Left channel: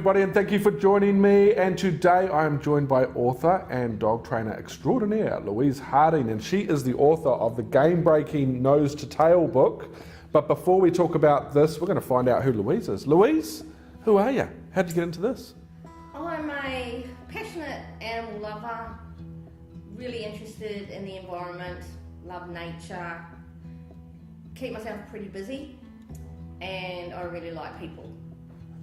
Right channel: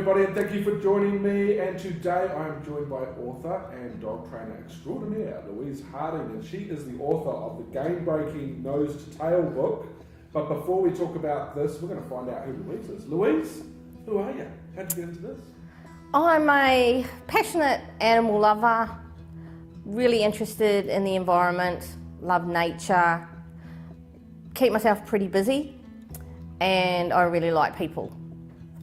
everybody, and thank you for joining me. And today I am joined by author and dog trainer extraordinaire, Louise Harding, and she is the author of the game-breaking Nose to Tail book. But before we talk about this, we're going to find out who Louise is. Louise, who are you? How did you get into this? I'm a passionate animal lover, really interested in the environment, love nature, keep myself pretty busy, and I really like people.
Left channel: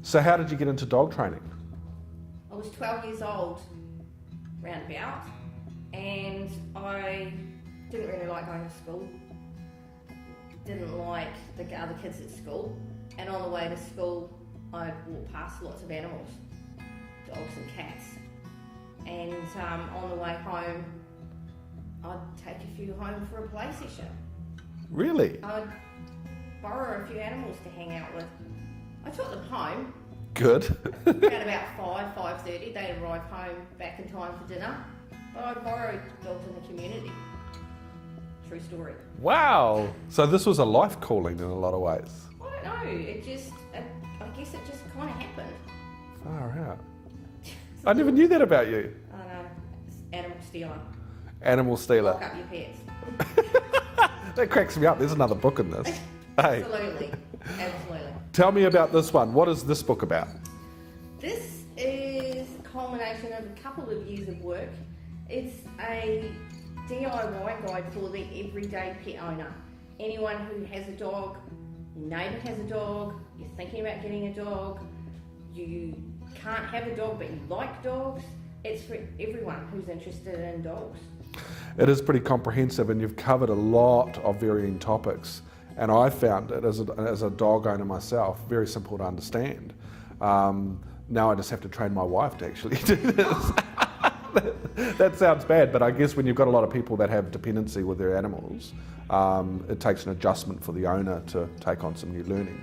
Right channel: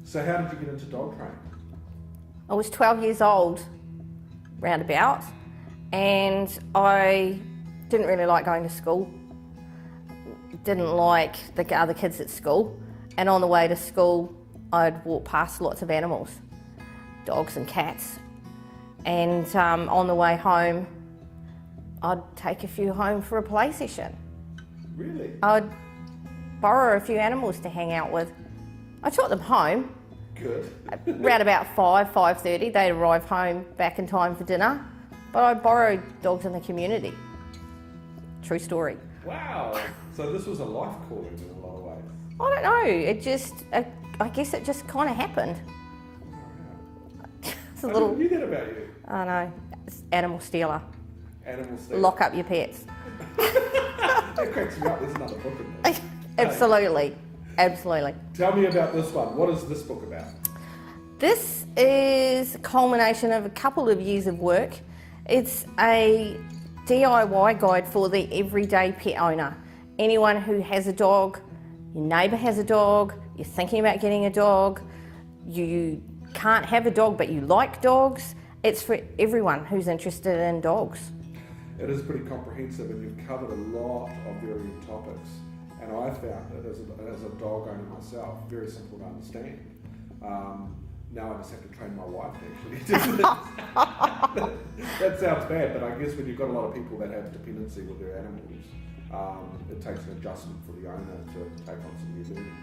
So how did you get into dog training? I was 12 years old, roundabout, and I didn't really like going to school. Didn't like the other kids at school, and on the way to school I'd walk past lots of animals, dogs and cats, and on the way home I'd take a few home for a play session. Really? I'd borrow a few animals to hang out with. I took them home. Good. Around about 5:30, they'd arrive home back in time for dinner, but I borrowed dogs in the community. True story. Wow. So this was a life calling in a lot of ways. I don't know, I guess it just kind of happened. Far out. I never knew that about you. I know, it's animal stealer. Animal stealer. Lock up your pets. That cracks me up. There's another book in this. Absolutely, absolutely. Tell me about this one. What is this book about? This is a culmination of a couple of years of work. It's a DIY guide for the everyday pet owner. Anyone who has a dog, your neighbour has a dog, you're thinking about getting a dog, you can't have a dog but you like dogs. It's for everyone who's interested in dogs. It is pretty comprehensive, and you've covered a lot of varying topics. And I found it, as a dog owner myself, very simple to understand. Now I just have to train my wife to actually do this. That sounds bad, but I guess when you've got a lot of people that have dependency with their animals, it takes an adjustment for the owner to take on some new learning.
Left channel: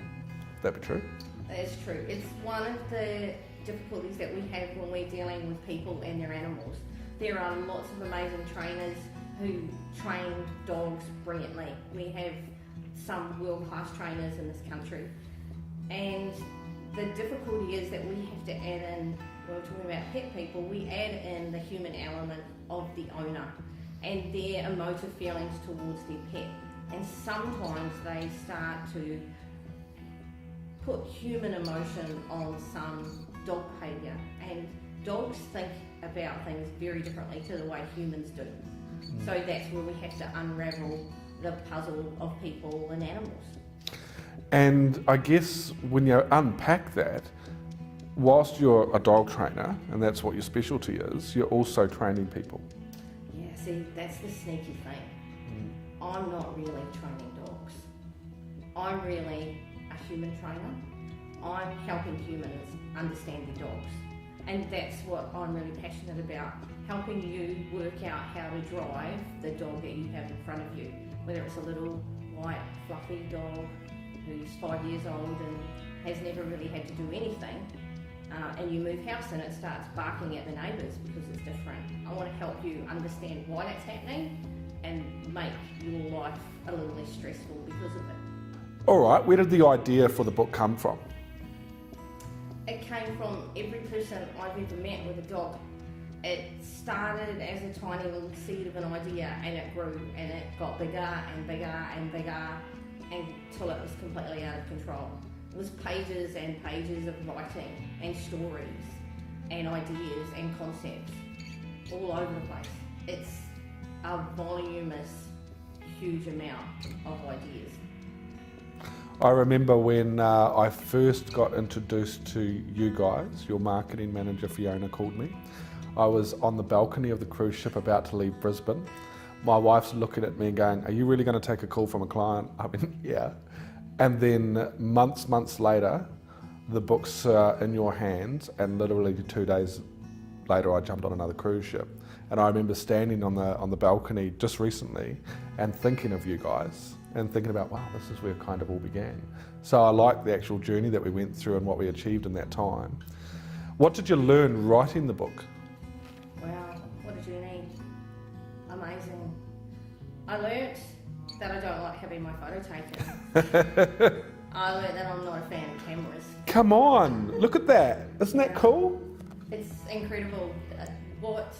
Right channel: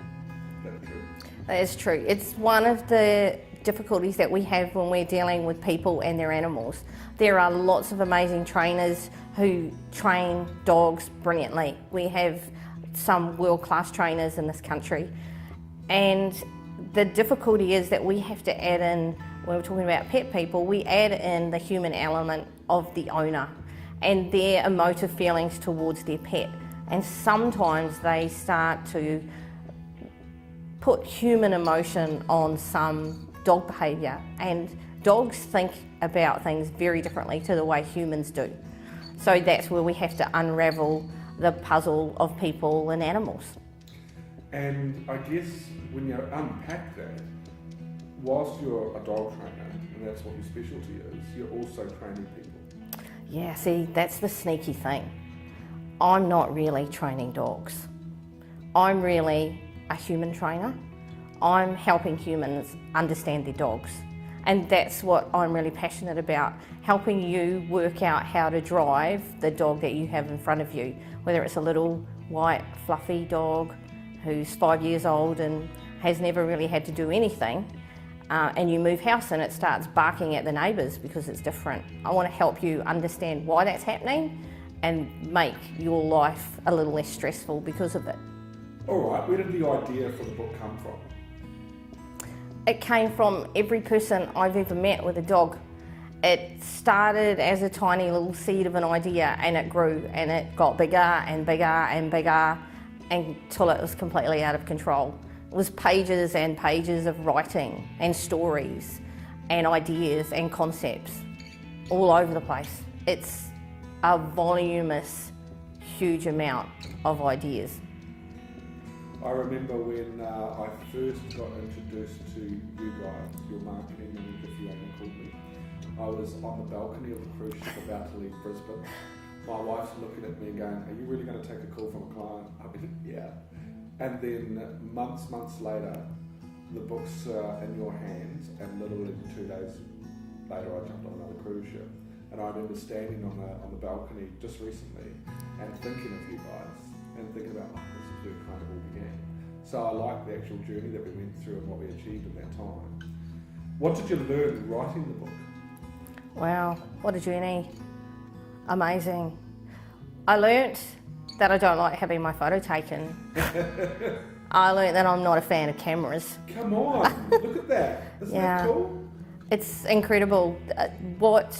Would that be true? That is true. It's one of the difficulties that we have when we're dealing with people and their animals. There are lots of amazing trainers who train dogs brilliantly. We have some world-class trainers in this country, and the difficulty is that we have to add in, when we're talking about pet people, we add in the human element of the owner and their emotive feelings towards their pet, and sometimes they start to put human emotion on some dog behaviour, and dogs think about things very differently to the way humans do. So that's where we have to unravel the puzzle of people and animals. And I guess when you unpack that, whilst you're a dog trainer, and that's what your specialty is, you're also training people. Yeah, see, that's the sneaky thing. I'm not really training dogs. I'm really a human trainer. I'm helping humans understand their dogs. And that's what I'm really passionate about, helping you work out how to drive the dog that you have in front of you, whether it's a little white fluffy dog who's 5 years old and has never really had to do anything, and you move house and it starts barking at the neighbours because it's different. I want to help you understand why that's happening and make your life a little less stressful because of it. All right, where did the idea for the book come from? It came from every person I've ever met with a dog. It started as a tiny little seed of an idea, and it grew and it got bigger and bigger and bigger until it was completely out of control. It was pages and pages of writing and stories and ideas and concepts all over the place. It's a voluminous, huge amount of ideas. I remember when I first got introduced to you guys, your marketing manager Fiona called me. I was on the balcony of the cruise ship about to leave Brisbane. My wife's looking at me and going, "Are you really going to take a call from a client?" I mean, yeah. And then months later, the book's in your hands, and literally 2 days later I jumped on another cruise ship. And I remember standing on the balcony just recently and thinking of you guys and thinking about, wow, this is where it kind of all began. So I like the actual journey that we went through and what we achieved in that time. What did you learn writing the book? Wow, what a journey. Amazing. I learnt that I don't like having my photo taken. I learned that I'm not a fan of cameras. Come on, look at that. Isn't that cool? It's incredible what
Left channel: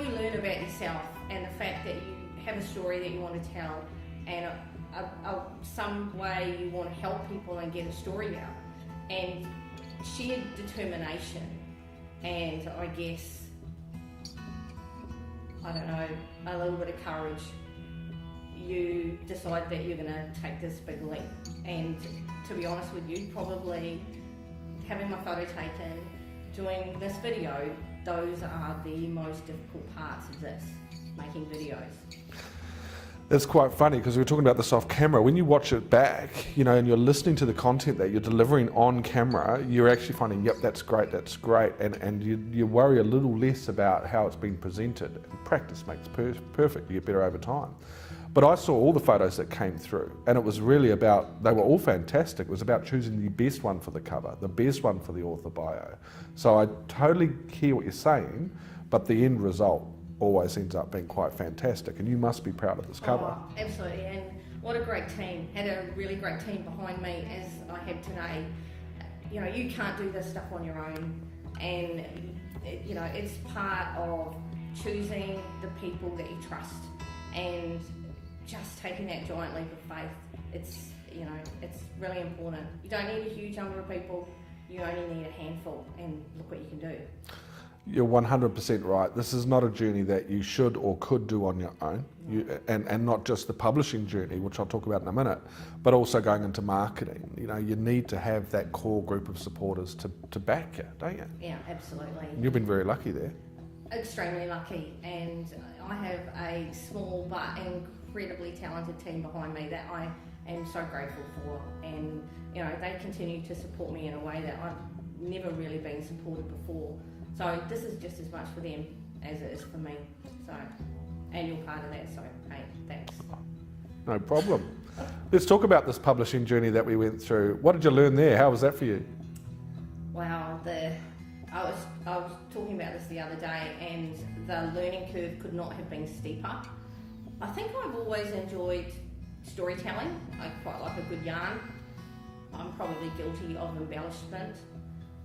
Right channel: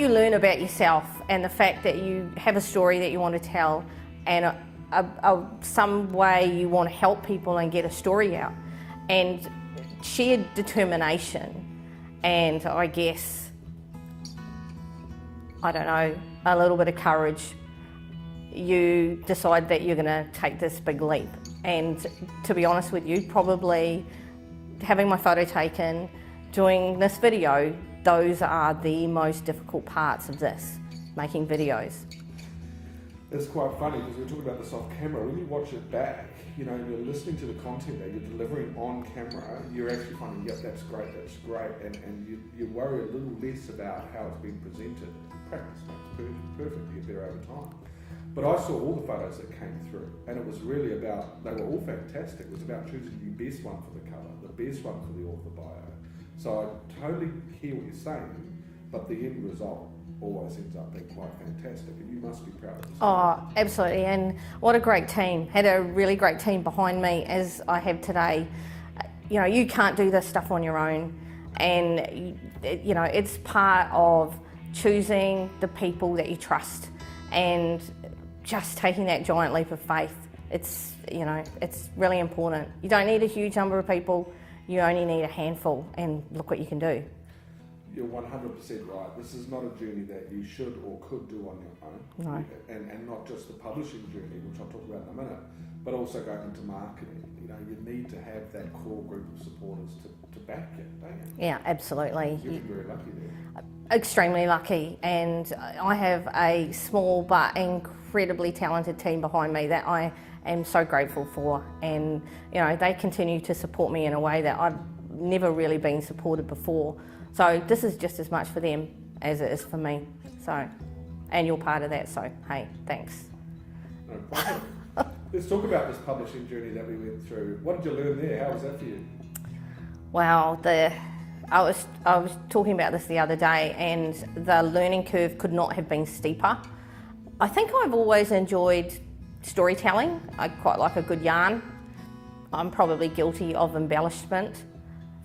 you learn about yourself, and the fact that you have a story that you want to tell, and some way you want to help people and get a story out, and sheer determination, and I guess, I don't know, a little bit of courage. You decide that you're going to take this big leap, and to be honest with you, probably having my photo taken, doing this video, those are the most difficult parts of this, making videos. It's quite funny because we were talking about this off camera. When you watch it back, you know, and you're listening to the content that you're delivering on camera, you're actually finding, yep, that's great, and you worry a little less about how it's been presented. Practice makes perfect, you get better over time. But I saw all the photos that came through, and it was really about, they were all fantastic. It was about choosing the best one for the cover, the best one for the author bio. So I totally hear what you're saying, but the end result always ends up being quite fantastic, and you must be proud of this cover. Oh, absolutely, and what a great team. Had a really great team behind me, as I have today. You know, you can't do this stuff on your own, and you know, it's part of choosing the people that you trust, and just taking that giant leap of faith. It's, you know, it's really important. You don't need a huge number of people, you only need a handful, and look what you can do. You're 100% right. This is not a journey that you should or could do on your own. No. And not just the publishing journey, which I'll talk about in a minute, but also going into marketing. You know, you need to have that core group of supporters to back you, don't you? Yeah, absolutely. You've been very lucky there. Extremely lucky, and I have a small but incredibly talented team behind me that I am so grateful for, and you know, they continue to support me in a way that I've never really been supported before. So this is just as much for them as it is for me. So, and you're part of that, so hey, thanks. No problem. Let's talk about this publishing journey that we went through. What did you learn there? How was that for you? Wow, I was talking about this the other day, and the learning curve could not have been steeper. I think I've always enjoyed storytelling. I quite like a good yarn. I'm probably guilty of embellishment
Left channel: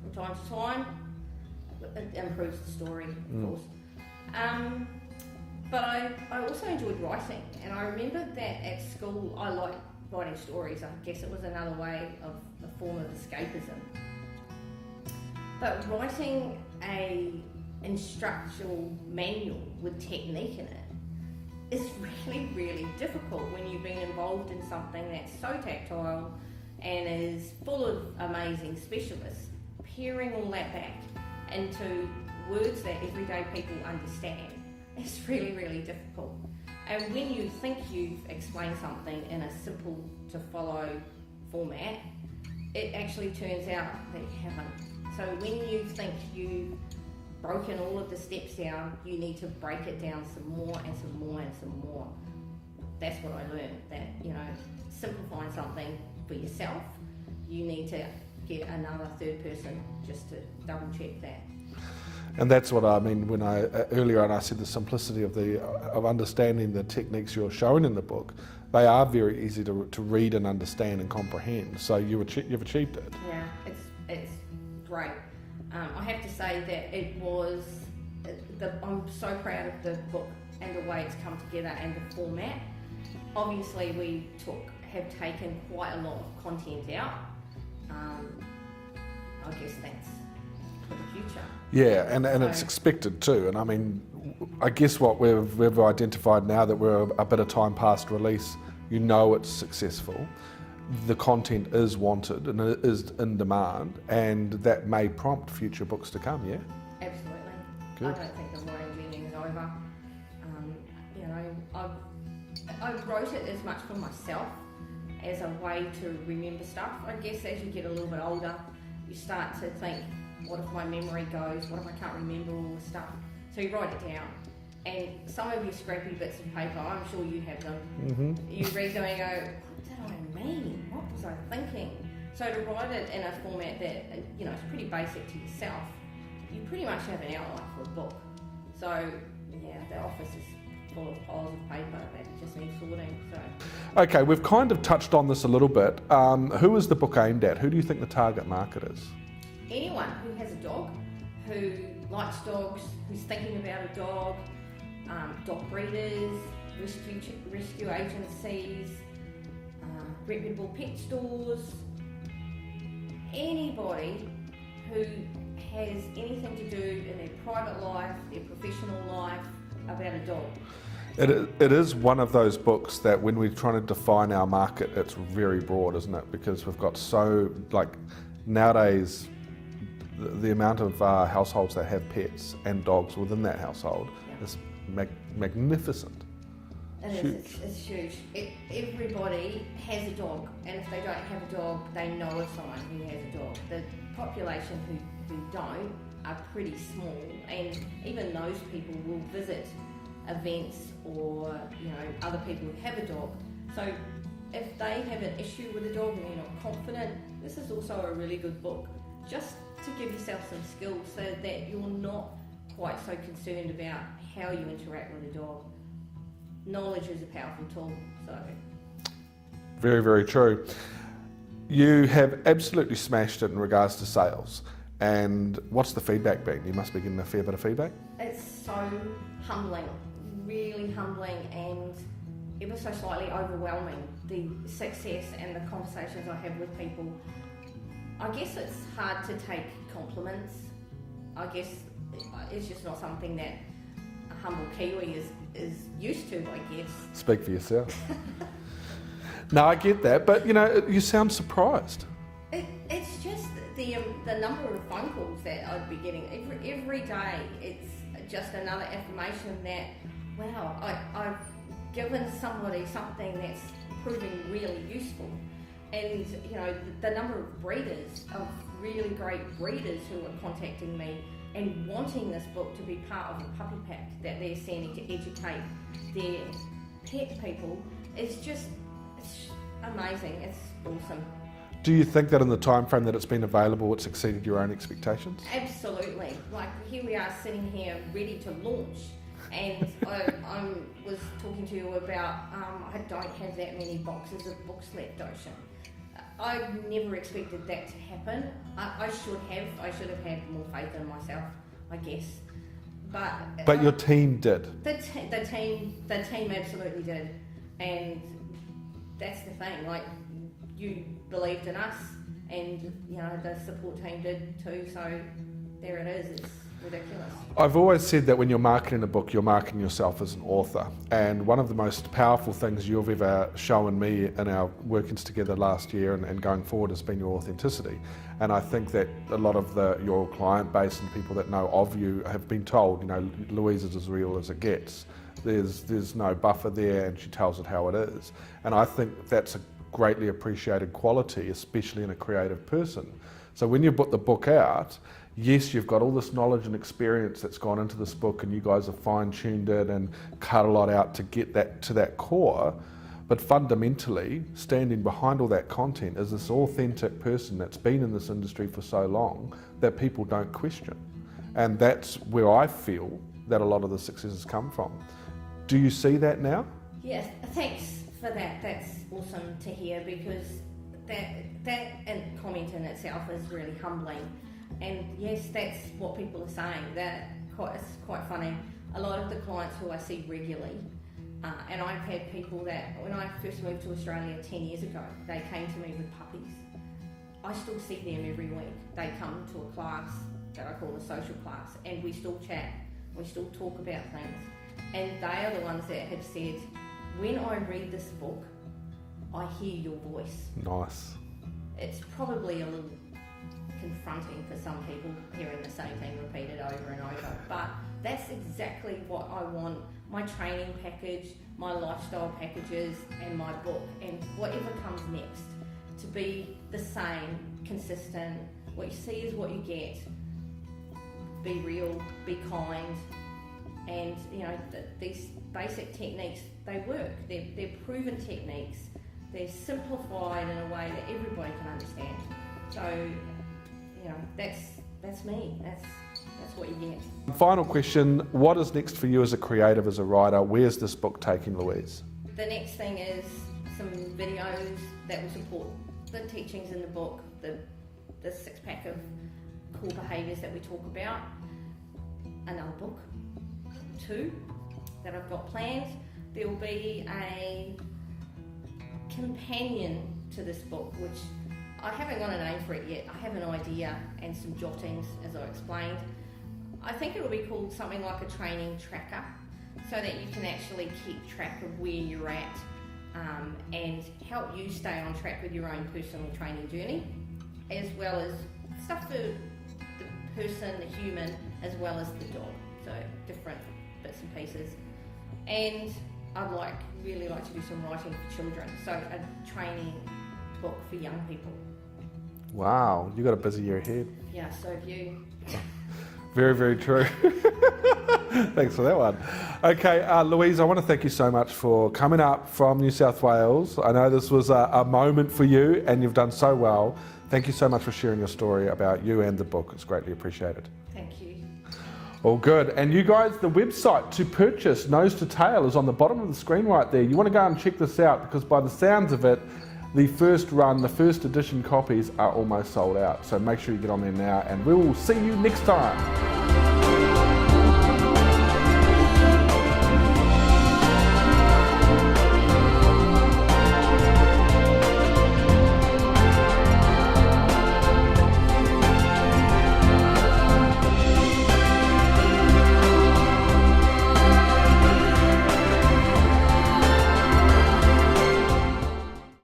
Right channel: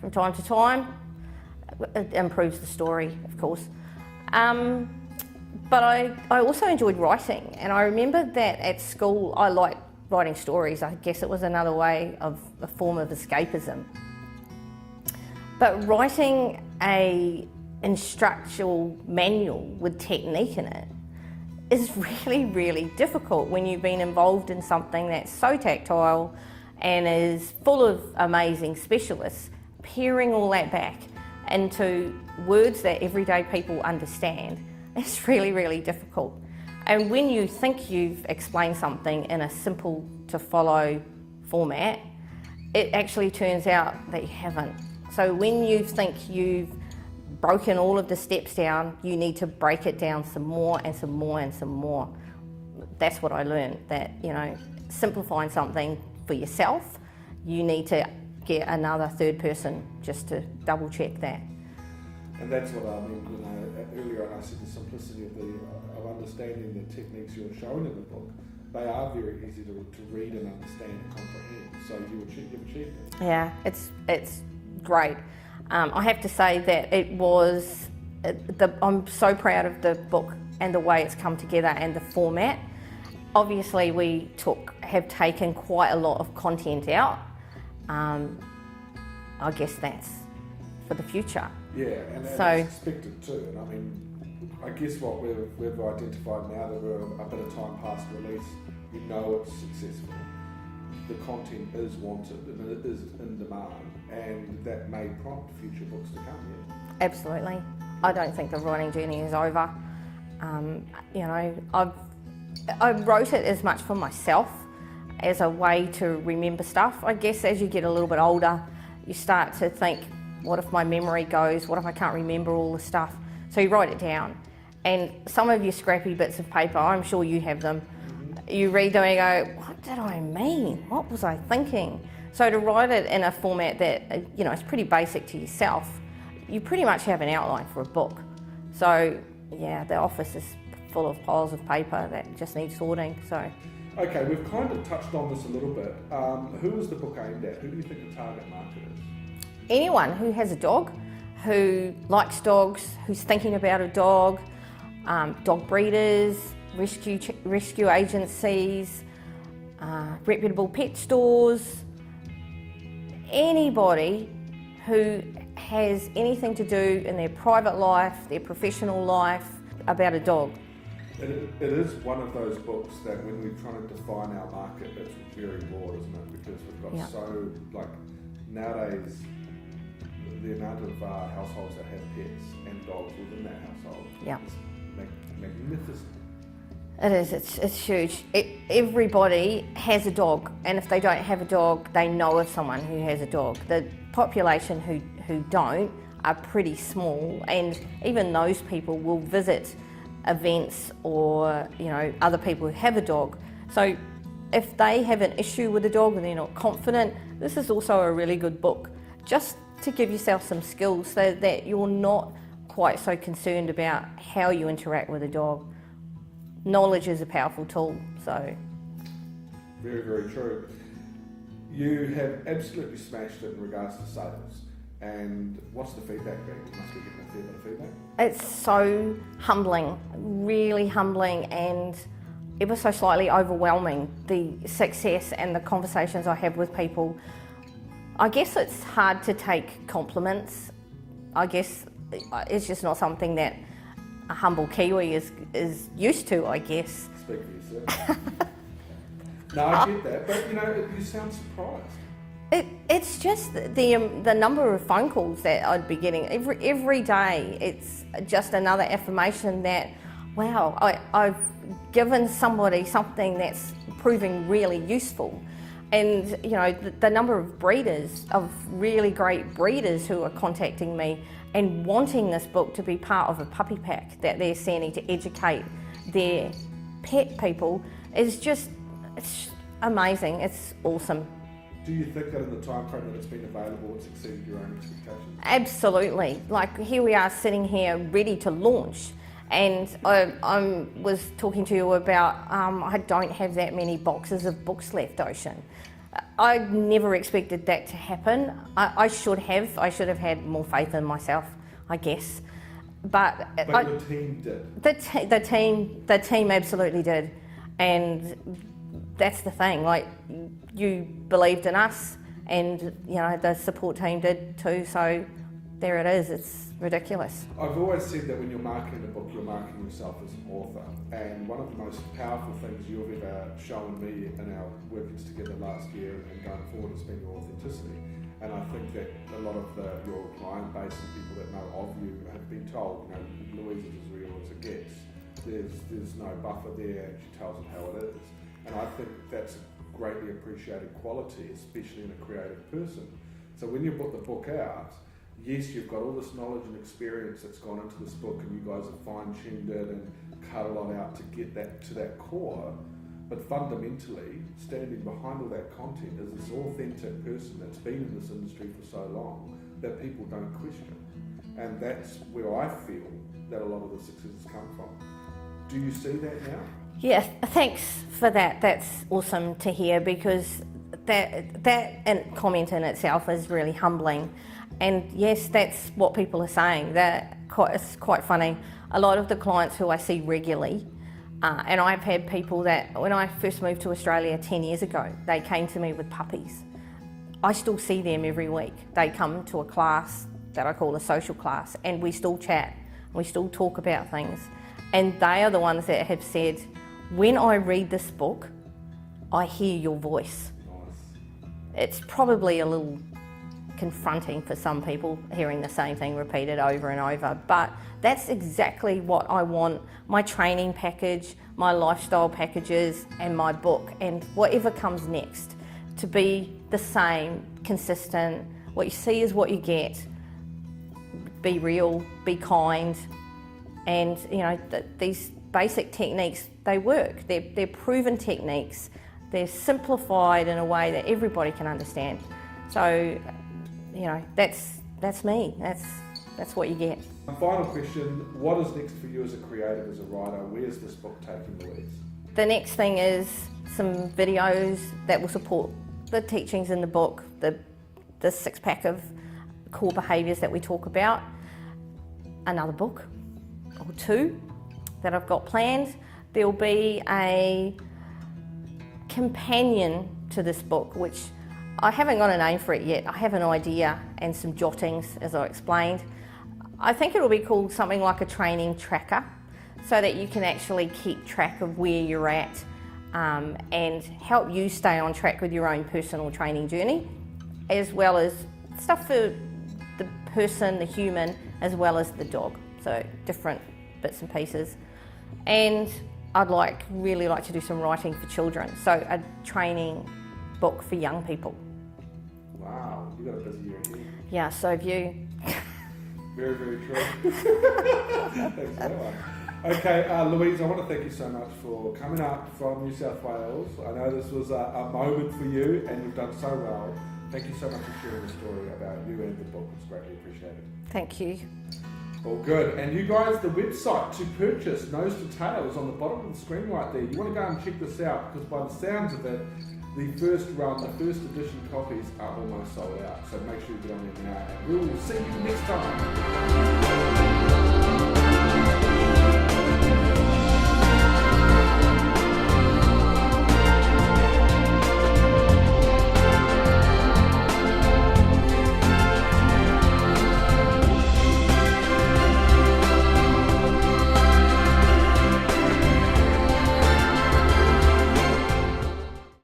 from time to time. It improves the story, of course. But I also enjoyed writing, and I remember that at school I liked writing stories. I guess it was another way of a form of escapism. But writing a instructional manual with technique in it is really, really difficult when you've been involved in something that's so tactile and is full of amazing specialists. Paring all that back into words that everyday people understand is really, really difficult. And when you think you've explained something in a simple to follow format, it actually turns out that you haven't. So when you think you've broken all of the steps down, you need to break it down some more and some more and some more. That's what I learned, that, you know, simplifying something for yourself, you need to get another third person just to double check that. And that's what I mean when earlier on I said the simplicity of understanding the techniques you're showing in the book. They are very easy to read and understand and comprehend. So you've achieved it. Yeah, it's great. I have to say that it was, I'm so proud of the book and the way it's come together and the format. Obviously we have taken quite a lot of content out. I guess that's for the future. Yeah, and it's expected too. And I mean, I guess what we've identified now that we're a bit of time past release, you know it's successful. The content is wanted and it is in demand, and that may prompt future books to come, yeah? Absolutely. Good. I don't think the writing journey is over. You know, I wrote it as much for myself as a way to remember stuff. I guess as you get a little bit older, you start to think, what if my memory goes? What if I can't remember all the stuff? So you write it down. And some of your scrappy bits of paper, I'm sure you have them, you read them and you go, what did I mean? What was I thinking? So to write it in a format that, you know, is pretty basic to yourself, you pretty much have an outline for a book. So yeah, the office is full of piles of paper that just need sorting. So, Okay, we've kind of touched on this a little bit. Who is the book aimed at? Who do you think the target market is? anyone who has a dog, who likes dogs, who's thinking about a dog, dog breeders, rescue agencies, reputable pet stores, anybody who has anything to do in their private life, their professional life, about a dog. It is one of those books that when we're trying to define our market, it's very broad, isn't it? Because we've got so, like, nowadays, the amount of households that have pets and dogs within that household is magnificent. It is, it's huge. Everybody has a dog, and if they don't have a dog, they know of someone who has a dog. The population who don't are pretty small, and even those people will visit events or, you know, other people who have a dog. So if they have an issue with a dog and they're not confident, this is also a really good book, just to give yourself some skills so that you're not quite so concerned about how you interact with a dog. Knowledge is a powerful tool, so. Very, very true. You have absolutely smashed it in regards to sales. And what's the feedback been? You must be getting a fair bit of feedback. It's so humbling, really humbling, and ever so slightly overwhelming, the success and the conversations I have with people. I guess it's hard to take compliments. I guess it's just not something that a humble Kiwi is used to, I guess. Speak for yourself. No, I get that, but you know, you sound surprised. It's just the number of phone calls that I'd be getting every day. It's just another affirmation that, wow, I've given somebody something that's proving really useful. And you know, the number of breeders, of really great breeders who are contacting me and wanting this book to be part of a puppy pack that they're sending to educate their pet people is just, it's amazing. It's awesome. Do you think that in the time frame that it's been available, it's exceeded your own expectations? Absolutely. Like, here we are sitting here ready to launch, and I was talking to you about I don't have that many boxes of books left, Ocean. I never expected that to happen. I should have had more faith in myself, I guess. But your team did. The team absolutely did, and that's the thing. Like, you believed in us, and you know, the support team did too. So there it is. It's ridiculous. I've always said that when you're marketing a book, you're marketing yourself as an author. And one of the most powerful things you've ever shown me in our workings together last year and going forward has been your authenticity. And I think that a lot of your client base and people that know of you have been told, you know, Louise is as real as it gets. There's no buffer there, and she tells it how it is. And I think that's a greatly appreciated quality, especially in a creative person. So when you put the book out, yes, you've got all this knowledge and experience that's gone into this book, and you guys have fine-tuned it and cut a lot out to get that to that core, but fundamentally, standing behind all that content is this authentic person that's been in this industry for so long that people don't question. And that's where I feel that a lot of the successes come from. Do you see that now? Yeah, thanks for that. That's awesome to hear, because that comment in itself is really humbling. And yes, that's what people are saying. It's quite funny. A lot of the clients who I see regularly, and I've had people that, when I first moved to Australia 10 years ago, they came to me with puppies. I still see them every week. They come to a class that I call a social class, and we still chat, we still talk about things. And they are the ones that have said, when I read this book, I hear your voice. Nice. It's probably a little confronting for some people, hearing the same thing repeated over and over, but that's exactly what I want my training package, my lifestyle packages, and my book, and whatever comes next, to be the same, consistent. What you see is what you get. Be real, be kind, and you know, these basic techniques, they work. They're proven techniques. They're simplified in a way that everybody can understand. So, you know, that's me. That's what you get. Final question, what is next for you as a creative, as a writer? Where's this book taking Louise? The next thing is some videos that will support the teachings in the book, the 6-pack of core behaviours that we talk about. Another book or 2 that I've got planned. There'll be a companion to this book, which I haven't got a name for it yet. I have an idea and some jottings, as I explained. I think it'll be called something like a training tracker, so that you can actually keep track of where you're at and help you stay on track with your own personal training journey, as well as stuff for the person, the human, as well as the dog. So different bits and pieces. And I'd really like to do some writing for children, so a training book for young people. Wow, you got a busy year ahead. Yeah, so have you. Very, very true. Thanks for that one. Okay, Louise, I want to thank you so much for coming up from New South Wales. I know this was a moment for you and you've done so well. Thank you so much for sharing your story about you and the book. It's greatly appreciated. Thank you. All good. And you guys, the website to purchase Nose to Tail is on the bottom of the screen right there. You want to go and check this out because by the sounds of it, the first run, the first edition copies are almost sold out. So make sure you get on there now and we will see you next time.